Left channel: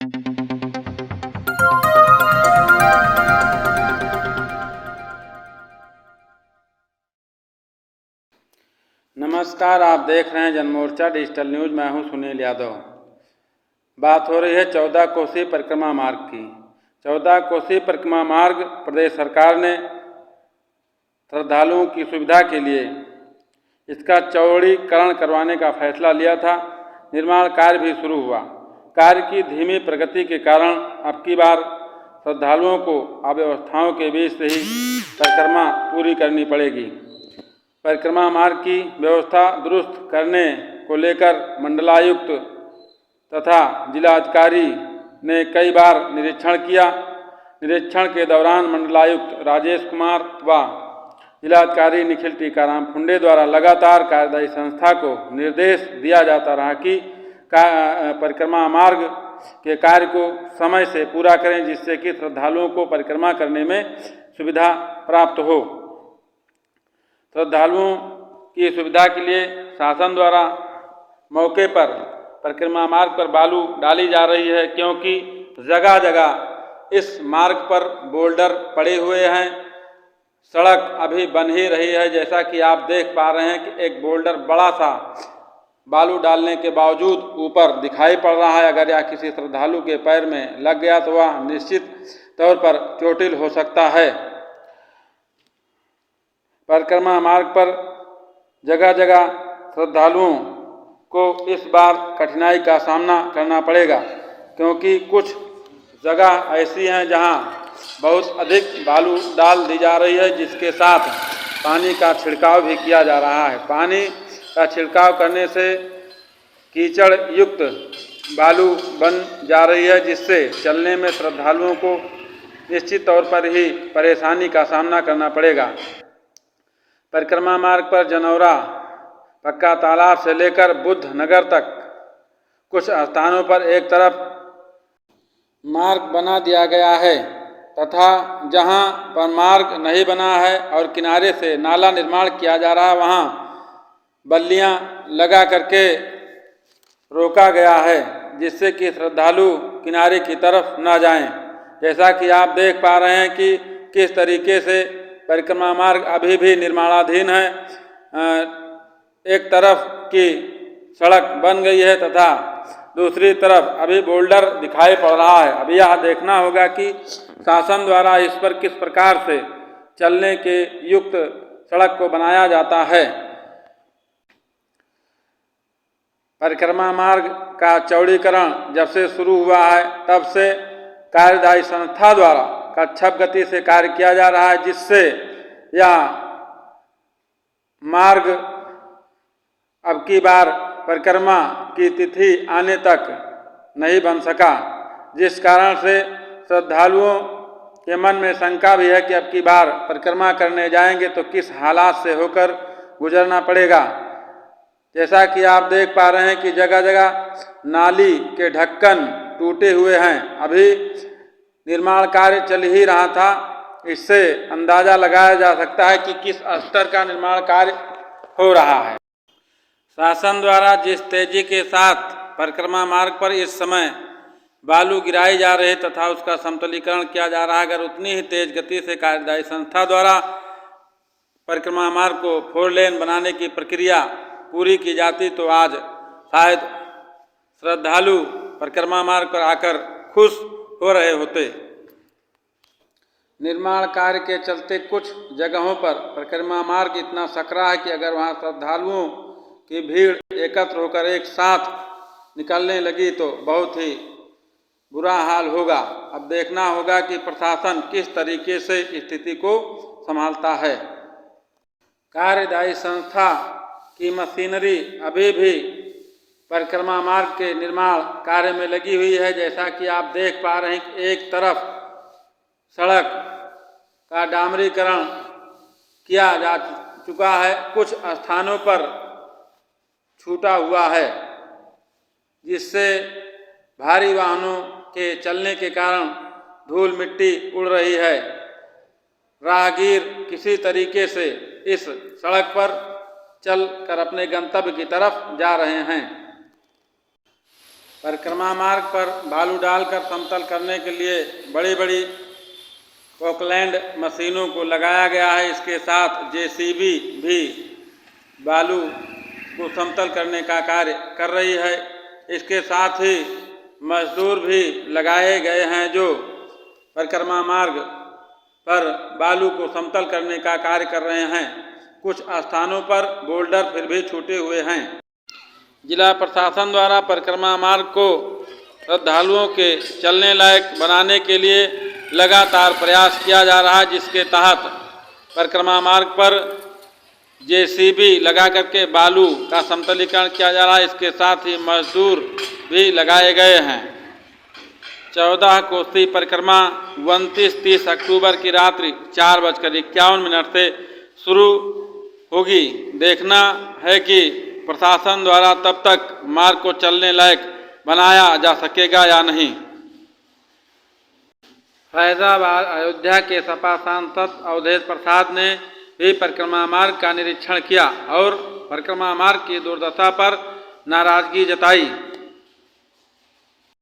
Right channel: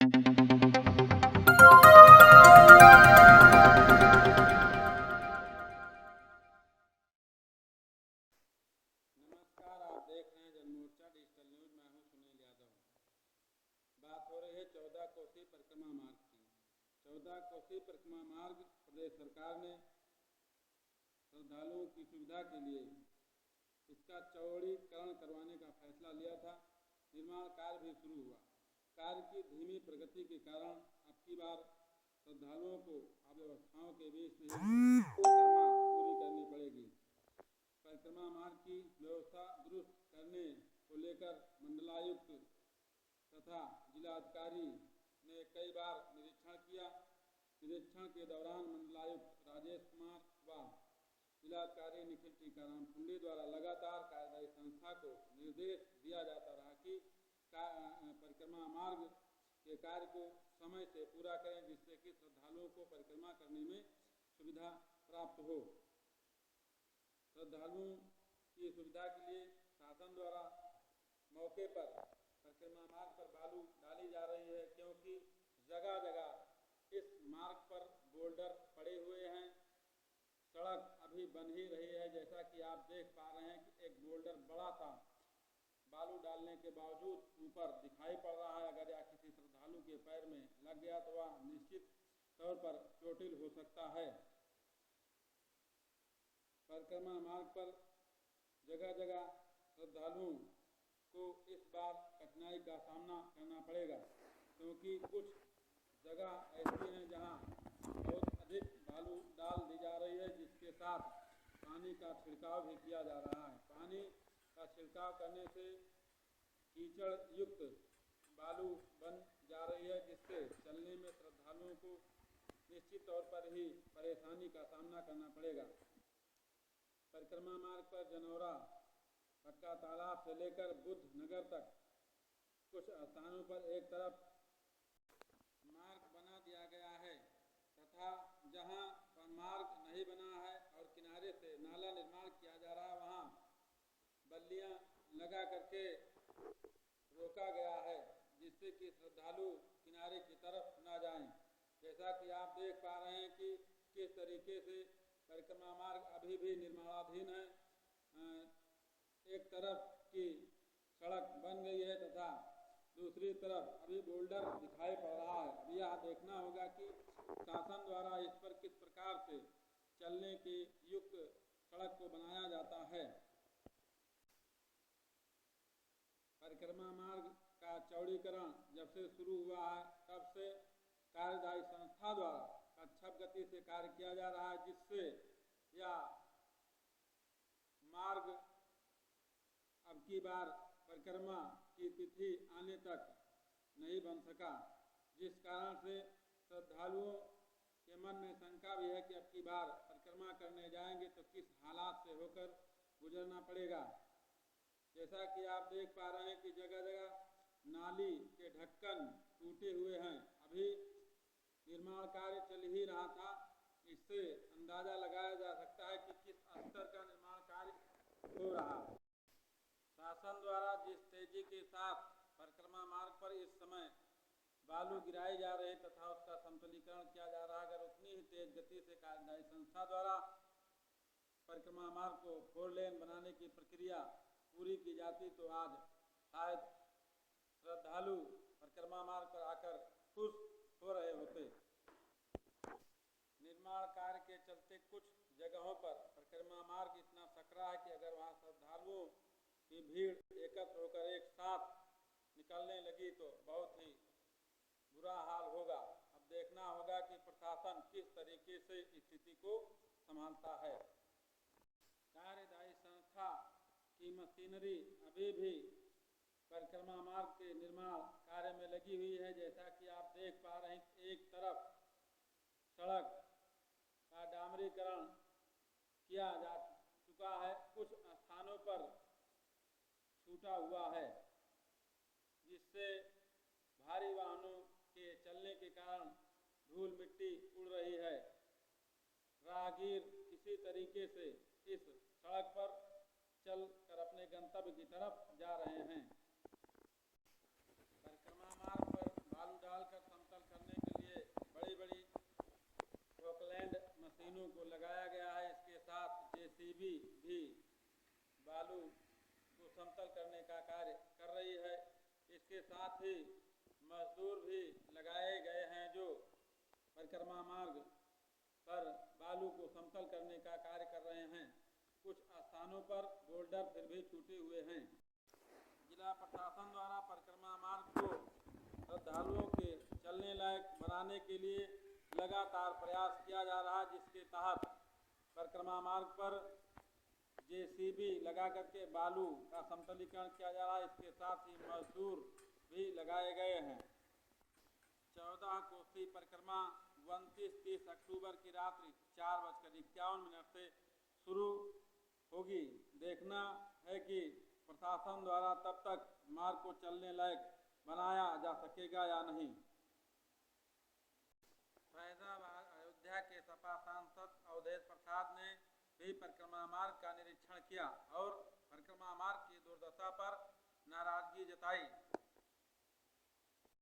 नमस्कार, आप देख रहे हैं जनमोर्चा डिजिटल न्यूज। मैं हूं सुनील यादव। बात हो रही है 14 कोसी परिक्रमा मार्ग की। 14 कोसी परिक्रमा मार्ग प्रदेश सरकार ने श्रद्धालुओं की सुविधा के लिए इसका चौड़ीकरण करवाने का फैसला लिया था। निर्माण कार्य भी शुरू हुआ। कार्य की धीमी प्रगति के कारण अब की बार श्रद्धालुओं को अव्यवस्थाओं के बीच से ही परिक्रमा पूरी करनी पड़ेगी। परिक्रमा मार्ग की व्यवस्था दुरुस्त करने को लेकर मंडलायुक्त तथा जिलाधिकारी ने कई बार निरीक्षण किया। निरीक्षण के दौरान मंडलायुक्त राजेश कुमार व जिलाधिकारी निखिल टीकाराम फुंडे द्वारा लगातार कार्यदायी संस्था को निर्देश दिया जाता रहा कि परिक्रमा मार्ग के कार्य को समय से पूरा करें, जिससे कि श्रद्धालुओं को परिक्रमा करने में सुविधा प्राप्त हो। श्रद्धालुओं की सुविधा के लिए शासन द्वारा मौके पर परिक्रमा मार्ग पर बालू डाली जा रही है, क्योंकि जगह जगह इस मार्ग पर बोल्डर पड़े हुए हैं। सड़क अभी बन ही रही है। जैसा कि आप देख पा रहे हैं कि एक बोल्डर बड़ा सा बालू डालने के बावजूद ऊपर दिखाई पड़ रहा है। अगर यह किसी श्रद्धालु के पैर में लग गया तो वह निश्चित तौर पर चोटिल हो सकता है। परिक्रमा मार्ग पर जगह जगह श्रद्धालुओं को इस बार कठिनाई का सामना करना पड़ेगा, क्योंकि कुछ जगह ऐसी हैं जहां बहुत अधिक बालू डाल दी जा रही है, जिसके साथ पानी का छिड़काव भी किया जा रहा है। पानी का छिड़काव करने से कीचड़ युक्त बालू बन जा रही है, जिससे चलने में श्रद्धालुओं को निश्चित तौर पर ही परेशानी का सामना करना पड़ेगा। परिक्रमा मार्ग पर जनौरा पक्का तालाब से लेकर बुद्ध नगर तक कुछ स्थानों पर एक तरफ मार्ग बना दिया गया है, तथा जहां पर मार्ग नहीं बना है और किनारे से नाला निर्माण किया जा रहा है, वहां बल्लियां लगा करके रोका गया है, जिससे कि श्रद्धालु किनारे की तरफ न जाएं। जैसा कि आप देख पा रहे हैं कि किस तरीके से परिक्रमा मार्ग अभी भी निर्माणाधीन है। एक तरफ की सड़क बन गई है तथा दूसरी तरफ अभी बोल्डर दिखाई पड़ रहा है। अभी यह देखना होगा कि शासन द्वारा इस पर किस प्रकार से चलने के युक्त सड़क को बनाया जाता है। परिक्रमा मार्ग का चौड़ीकरण जब से शुरू हुआ है, तब से कार्यदायी संस्था द्वारा कच्छप गति से कार्य किया जा रहा है, जिससे यह मार्ग अब की बार परिक्रमा की तिथि आने तक नहीं बन सका, जिस कारण से श्रद्धालुओं के मन में शंका भी है कि अब की बार परिक्रमा करने जाएंगे तो किस हालात से होकर गुजरना पड़ेगा। जैसा कि आप देख पा रहे हैं कि जगह जगह नाली के ढक्कन टूटे हुए हैं। अभी निर्माण कार्य चल ही रहा था। इससे अंदाजा लगाया जा सकता है कि किस स्तर का निर्माण कार्य हो रहा है। शासन द्वारा जिस तेजी के साथ परिक्रमा मार्ग पर इस समय बालू गिराई जा रही तथा उसका समतलीकरण किया जा रहा है, अगर उतनी ही तेज गति से कार्यदायी संस्था द्वारा परिक्रमा मार्ग को 4 लेन बनाने की प्रक्रिया पूरी की जाती तो आज शायद श्रद्धालु परिक्रमा मार्ग पर आकर खुश हो रहे होते। निर्माण कार्य के चलते कुछ जगहों पर परिक्रमा मार्ग इतना सकरा है कि अगर वहां श्रद्धालुओं की भीड़ एकत्र होकर एक साथ निकलने लगी तो बहुत ही बुरा हाल होगा। अब देखना होगा कि प्रशासन किस तरीके से स्थिति को संभालता है। कार्यदायी संस्था की मशीनरी अभी भी परिक्रमा मार्ग के निर्माण कार्य में लगी हुई है। जैसा कि आप देख पा रहे हैं कि एक तरफ सड़क का डामरीकरण किया जा चुका है, कुछ स्थानों पर छूटा हुआ है, जिससे भारी वाहनों के चलने के कारण धूल मिट्टी उड़ रही है। राहगीर किसी तरीके से इस सड़क पर चल कर अपने गंतव्य की तरफ जा रहे हैं। परिक्रमा मार्ग पर बालू डालकर समतल करने के लिए बड़ी बड़ी पोकलैंड मशीनों को लगाया गया है। इसके साथ जेसीबी भी बालू को समतल करने का कार्य कर रही है। इसके साथ ही मजदूर भी लगाए गए हैं जो परिक्रमा मार्ग पर बालू को समतल करने का कार्य कर रहे हैं। कुछ स्थानों पर बोल्डर फिर भी छूटे हुए हैं। जिला प्रशासन द्वारा परिक्रमा मार्ग को श्रद्धालुओं के चलने लायक बनाने के लिए लगातार प्रयास किया जा रहा है, जिसके तहत परिक्रमा मार्ग पर जेसीबी लगा करके बालू का समतलीकरण किया जा रहा है। इसके साथ ही मजदूर भी लगाए गए हैं। 14 कोसी परिक्रमा 29-30 अक्टूबर की रात्रि 4:51 से शुरू होगी। देखना है कि प्रशासन द्वारा तब तक मार्ग को चलने लायक बनाया जा सकेगा या नहीं। फैजाबाद अयोध्या के सपा सांसद अवधेश प्रसाद ने भी परिक्रमा मार्ग का निरीक्षण किया और परिक्रमा मार्ग की दुर्दशा पर नाराजगी जताई।